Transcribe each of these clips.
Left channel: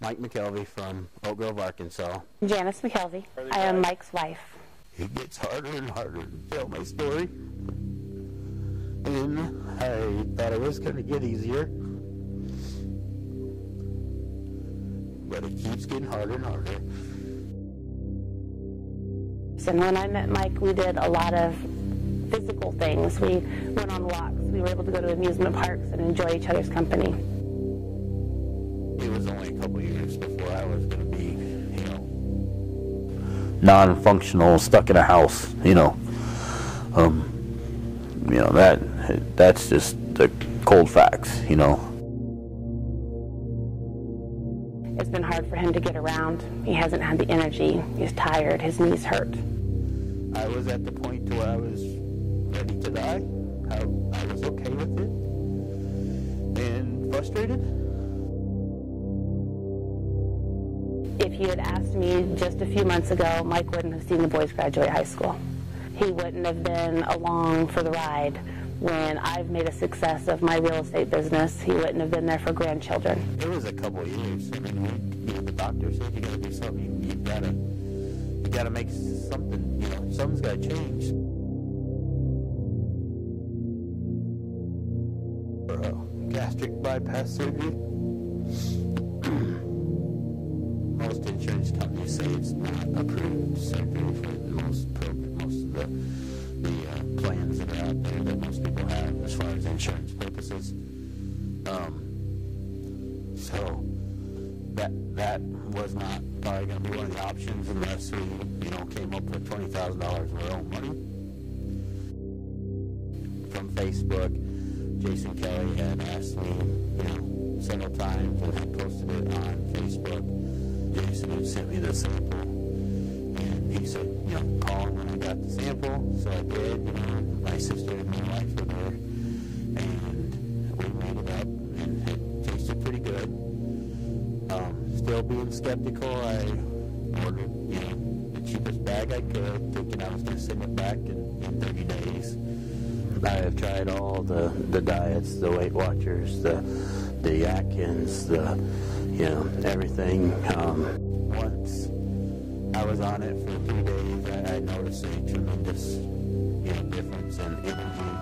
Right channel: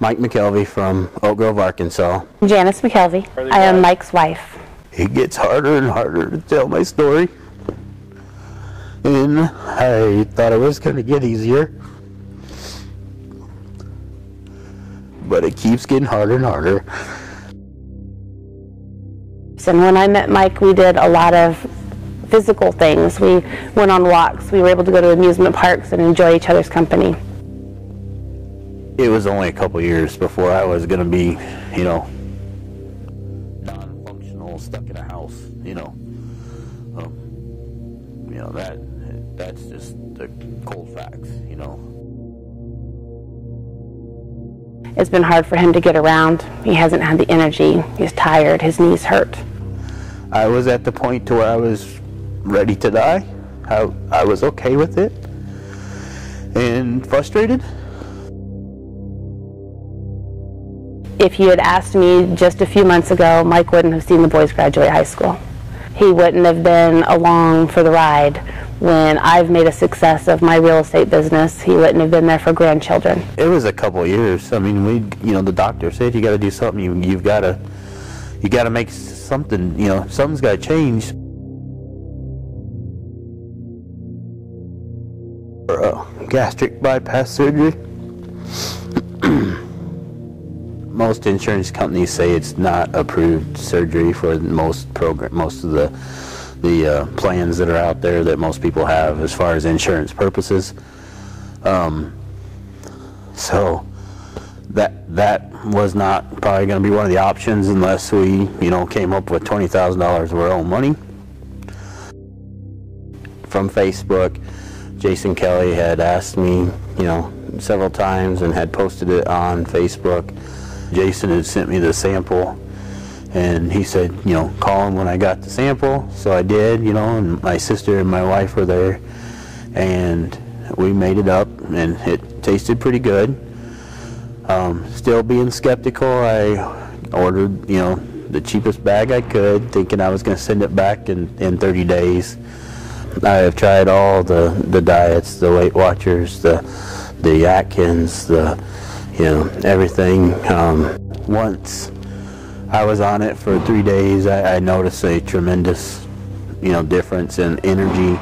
Mike Mckelvey from Oak Grove, Arkansas. Janice McKelvey. I am Mike's wife. It gets harder and harder to tell my story. And I thought it was going to get easier. But it keeps getting harder and harder. And when I met Mike, we did a lot of physical things. We went on walks. We were able to go to amusement parks and enjoy each other's company. It was only a couple years before I was going to be, non-functional, stuck in a house, that's just the cold facts, It's been hard for him to get around. He hasn't had the energy. He's tired. His knees hurt. I was at the point to where I was ready to die. I was okay with it and frustrated. If you had asked me just a few months ago, Mike wouldn't have seen the boys graduate high school. He wouldn't have been along for the ride when I've made a success of my real estate business. He wouldn't have been there for grandchildren. It was a couple of years. I mean, the doctor said you got to do something. You got to make something. Something's got to change. Gastric bypass surgery. Most insurance companies say it's not approved surgery for most of the plans that are out there that most people have as far as insurance purposes. So that was not probably going to be one of the options unless we came up with $20,000 of our own money. From Facebook, Jason Kelly had asked me several times and had posted it on Facebook. Jason had sent me the sample, and he said, call him when I got the sample. So I did, and my sister and my wife were there, and we made it up, and it tasted pretty good. Still being skeptical, I ordered, the cheapest bag I could, thinking I was going to send it back in 30 days. I have tried all the diets, the Weight Watchers, the Atkins, everything. Once I was on it for 3 days, I noticed a tremendous, difference in energy.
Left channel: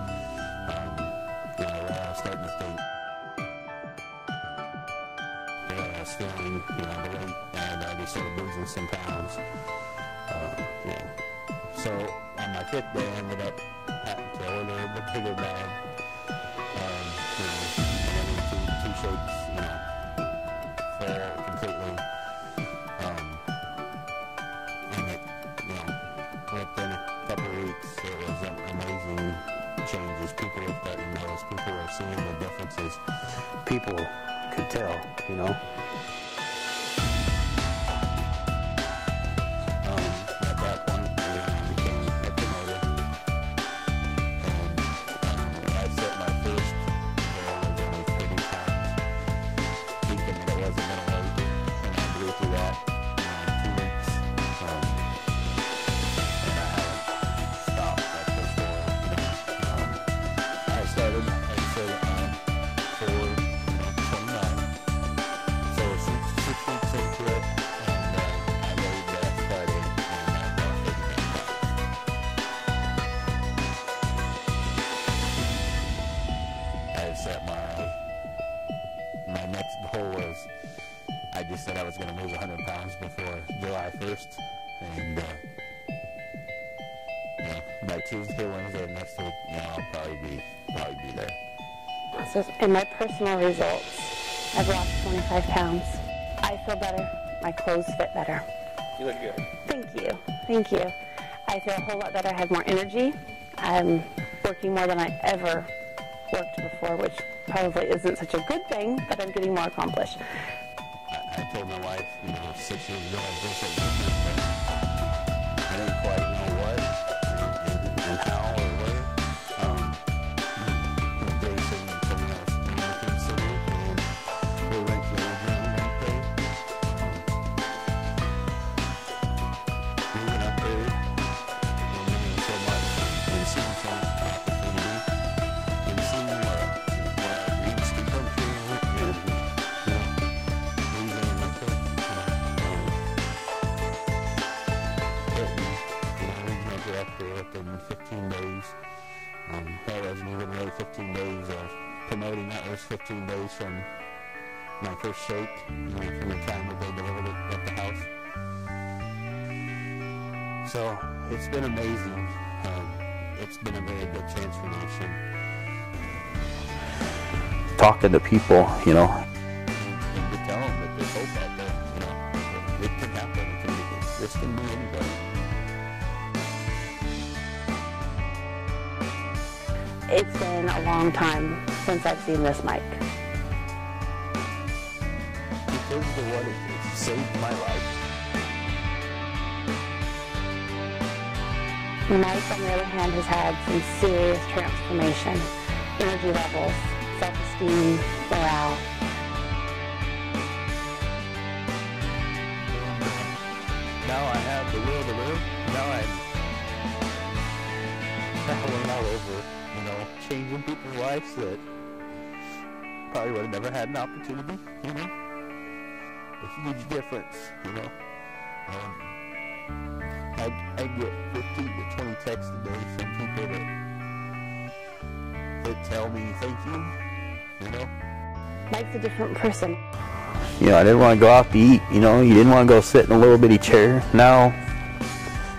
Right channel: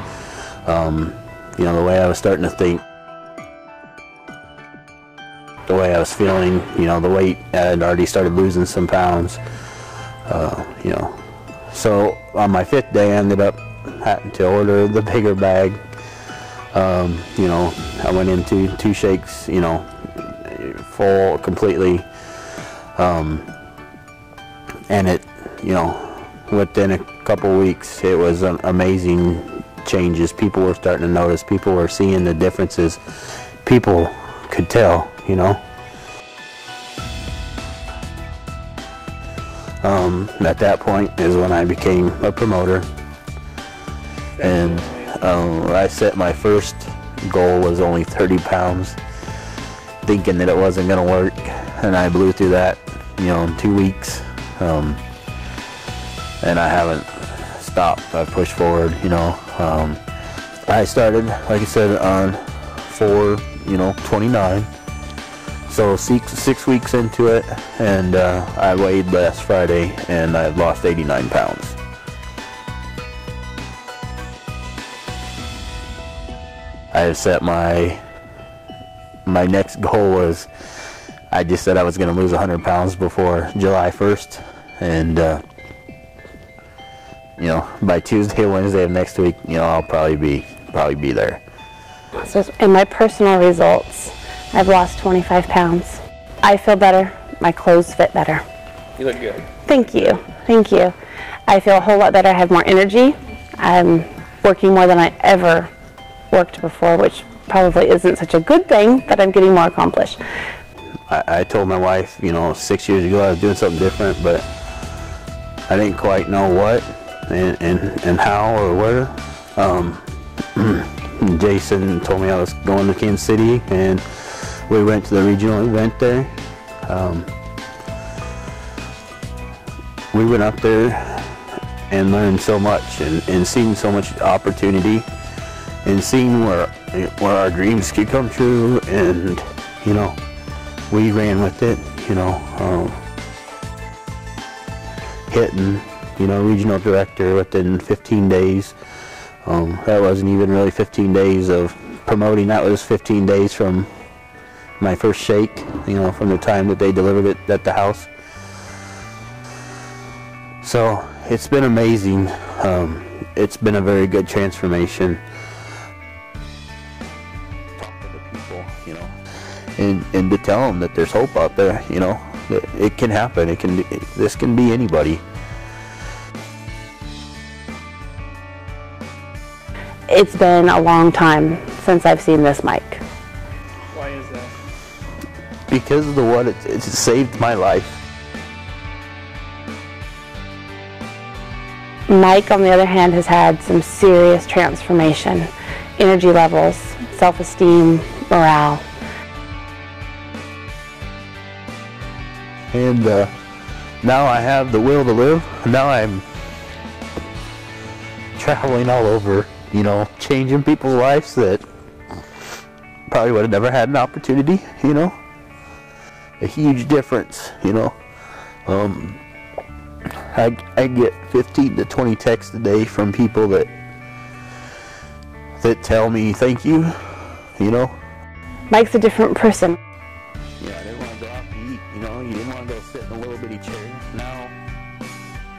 The way I was starting to think, the way I was feeling, the weight, I had already started losing some pounds. So on my 5th day, I ended up having to order the bigger bag. I went into 2 shakes, full completely, and it, within a couple weeks, it was amazing changes. People were starting to notice. People were seeing the differences. People could tell, At that point is when I became a promoter, and I set my first goal was only 30 pounds, thinking that it wasn't going to work, and I blew through that, in 2 weeks, and I haven't stopped. I pushed forward, I started, like I said, on 4/29, so 6 weeks into it, and I weighed last Friday, and I've lost 89 pounds. I have set my next goal was, I just said I was going to lose 100 pounds before July 1st, and by Tuesday or Wednesday of next week, I'll probably be there. So in my personal results, I've lost 25 pounds. I feel better. My clothes fit better. You look good. Thank you. Thank you. I feel a whole lot better. I have more energy. I'm working more than I ever worked before, which probably isn't such a good thing, but I'm getting more accomplished. I told my wife, 6 years ago I was doing something different, but I didn't quite know what and how or where. Jason told me I was going to Kansas City, and we went to the regional event there. We went up there and learned so much, and seen so much opportunity, and seeing where our dreams could come true, and we ran with it, you know, hitting, you know, regional director within 15 days. That wasn't even really 15 days of promoting, that was 15 days from my first shake, you know, from the time that they delivered it at the house. So it's been amazing. It's been a very good transformation. Talking to people, you know, and to tell them that there's hope out there, you know, that it can happen. It can be, this can be anybody. It's been a long time since I've seen this Mike. Why is that? Because of the what it's saved my life. Mike, on the other hand, has had some serious transformation. Energy levels, self-esteem, morale. And now I have the will to live. Now I'm traveling all over, you know, changing people's lives that probably would have never had an opportunity, you know. A huge difference, you know. I get 15 to 20 texts a day from people that tell me thank you, you know. Mike's a different person. You know, I didn't want to go out to eat, you know. You didn't want to go sit in a little bitty chair. Now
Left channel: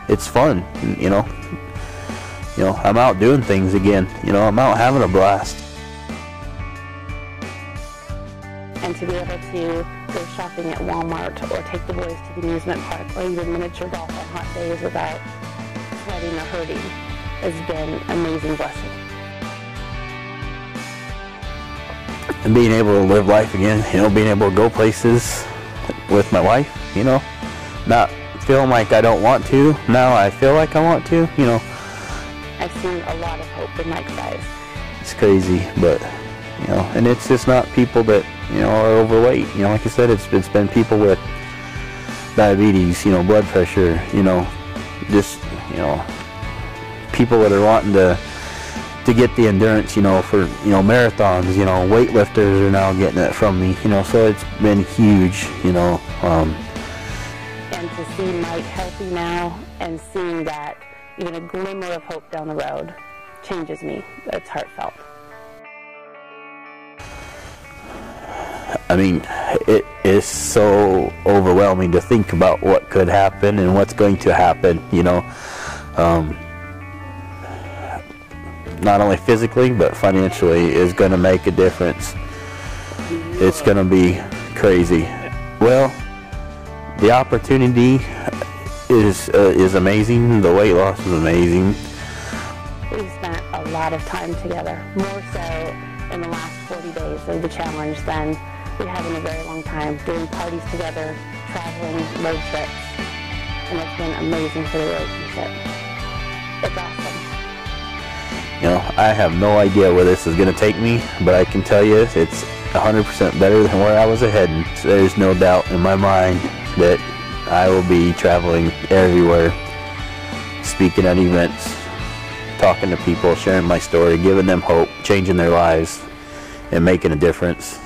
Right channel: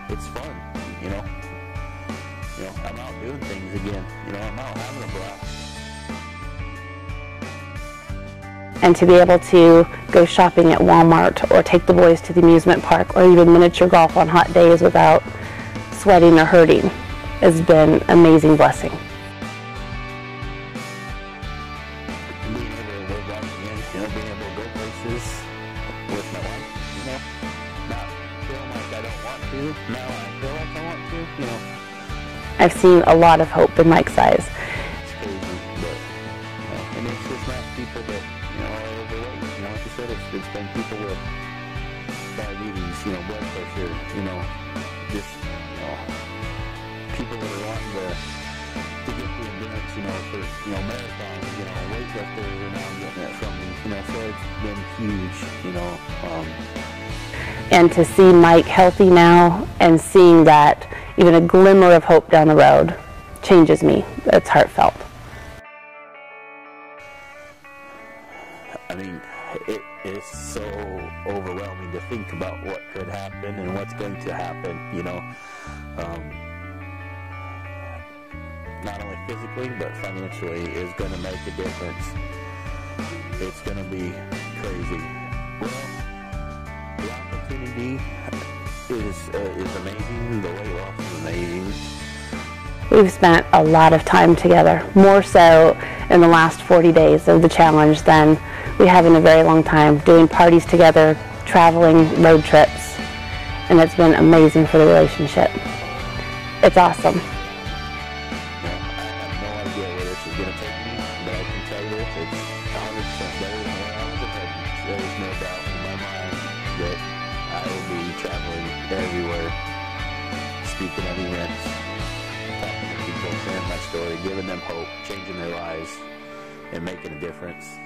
it's fun, you know. You know, I'm out doing things again. You know, I'm out having a blast. And to be able to go shopping at Walmart or take the boys to the amusement park or even miniature golf on hot days without sweating or hurting has been an amazing blessing. And being able to live life again, you know, being able to go places with my wife, you know, not feeling like I don't want to. Now I feel like I want to, you know. I've seen a lot of hope in Mike's eyes. It's crazy, but, you know, and it's just not people that, you know, are overweight. You know, like I said, it's been people with diabetes, you know, blood pressure, you know, just, you know, people that are wanting to get the endurance, you know, for, you know, marathons, you know, weightlifters are now getting it from me, you know, so it's been huge, you know. And to see Mike healthy now and seeing that even a glimmer of hope down the road changes me. It's heartfelt. I mean, it is so overwhelming to think about what could happen and what's going to happen, you know. Not only physically, but financially is going to make a difference. It's going to be crazy. Well, the opportunity is amazing. The weight loss is amazing. We've spent a lot of time together, more so in the last 40 days of the challenge than we have in a very long time, doing parties together, traveling, road trips, and it's been amazing for the relationship. It's awesome. You know, I have no idea where this is going to take me, but I can tell you it's 100% better than where I was heading. There's no doubt in my mind that I will be traveling everywhere, speaking at events, talking to people, sharing my story, giving them hope, changing their lives, and making a difference.